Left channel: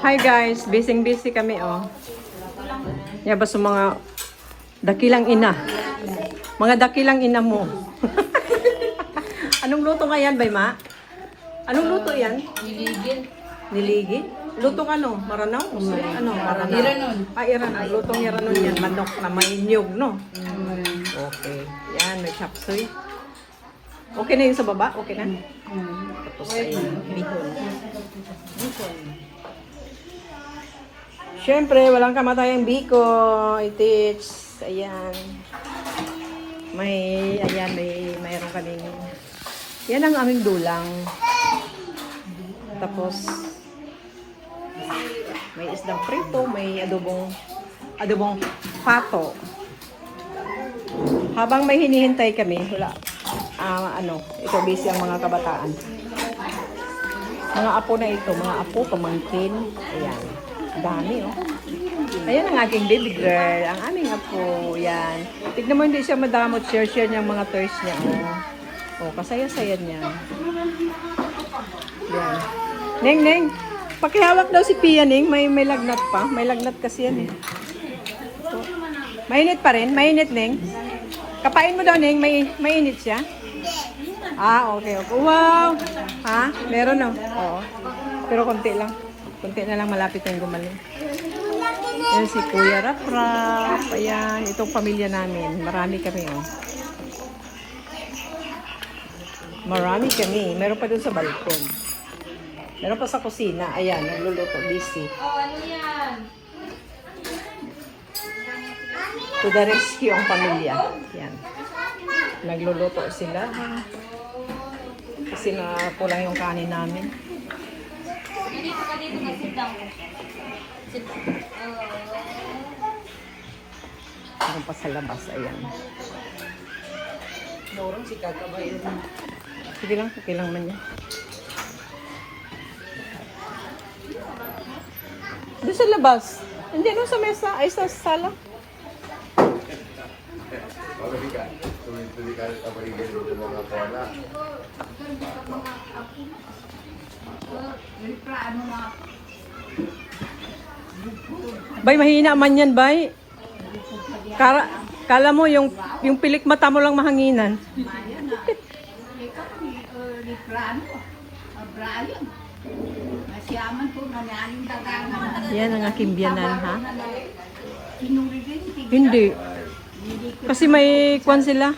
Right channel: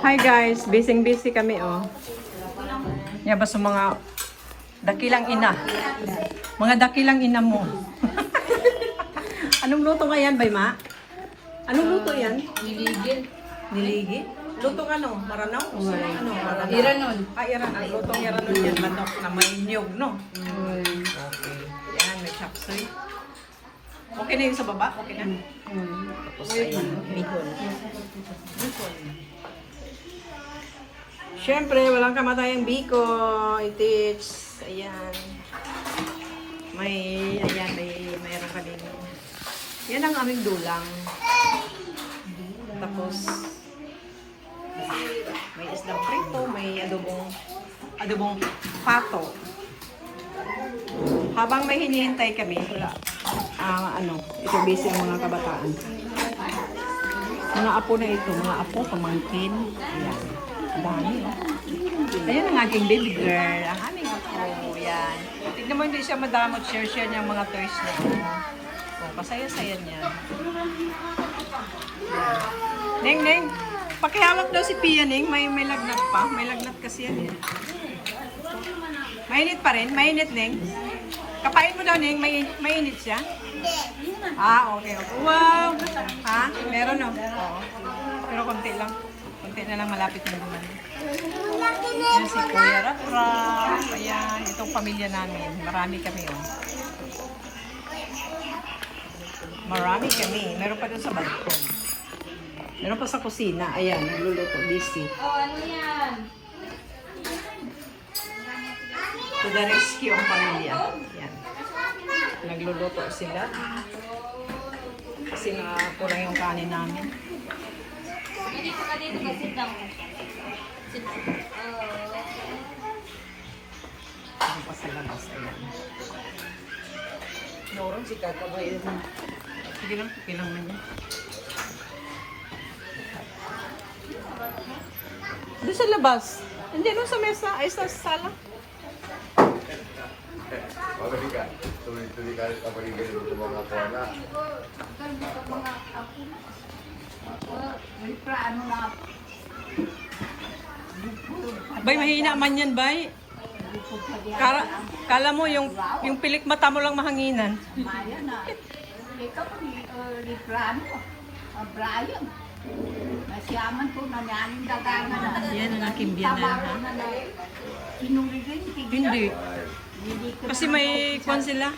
Hi guys, busy kami oh. Yan ba sa mga dakilang ina? Mga dakilang ina mo. Anong luto nga yan, Bay Ma? Anong luto yan? Niligi. Niligi? Lutong ano? Maranaw? Ano? Maranaw? Iranon. Iranon. Lutong iranon yan. Manok na may niyog, no? Okay. Yan, may chapsoy. Okay na yun sa baba? Okay na? Tapos ayun. Siyempre, walang kamatayang biko. Itits. Ayan. Mayroon kaming. Yan ang aming dulang. Tapos, may isdang prito, may adobong pato. Habang may hinihintay kami, wala. Ito busy ang mga kabataan. Mga apo na ito, mga apo, pamangkin. Ayan. Dami, oh. Ayan ang aking baby girl. Ang aming apo. Yan. Tignan mo, hindi siya madamot. Share niya ang mga toys niya. Oh, pasaya-saya niya. Yan. Ning. Pakihawak daw si Pia, Ning. May lagnat pa. May lagnat kasi yan, eh. Mainit pa rin. Mainit, Ning. Kapain mo daw, Ning. Mainit siya. Okay. Wow! Ha? Meron na. Oo. Pero konti lang. Konti na lang, malapit yung gumaling. Ayan si Kuya Rap. Ayan, itong pamilya namin. Marami kami, oh. Marami kami. Meron pa dun sa balkon. Meron pa sa kusina. Ayan, nagluluto. Busy. Ano yan? To the rescue ang pamilya. Ayan. Nagluluto sila. Kasi nakulang yung kanin namin. Meron pa sa labas. Ayan. Sige lang, okay lang man yan. Doon sa labas. Hindi, no, sa mesa. Ay, sa sala. Bay, mahina man yan, Bay. Kala mo yung pilik mata mo lang mahanginan. Yan ang aking biyanan, ha? Hindi. Kasi may kwan sila.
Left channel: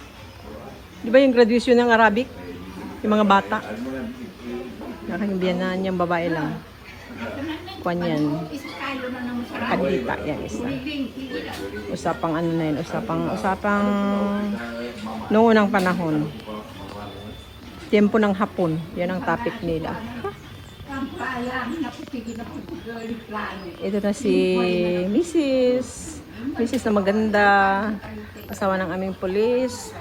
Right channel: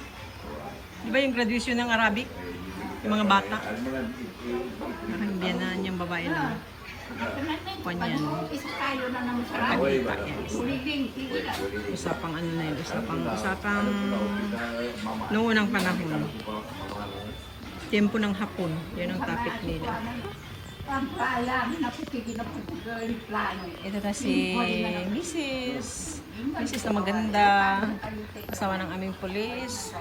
Di ba yung graduation ng Arabic? Yung mga bata. Aking biyanan, yung babae lang. Kwan yan. Abita, yan isa. Usapang ano na yun, usapang noong unang panahon. Tempo ng hapon, yan ang topic nila. Ito na si Mrs. na maganda, asawa ng aming pulis.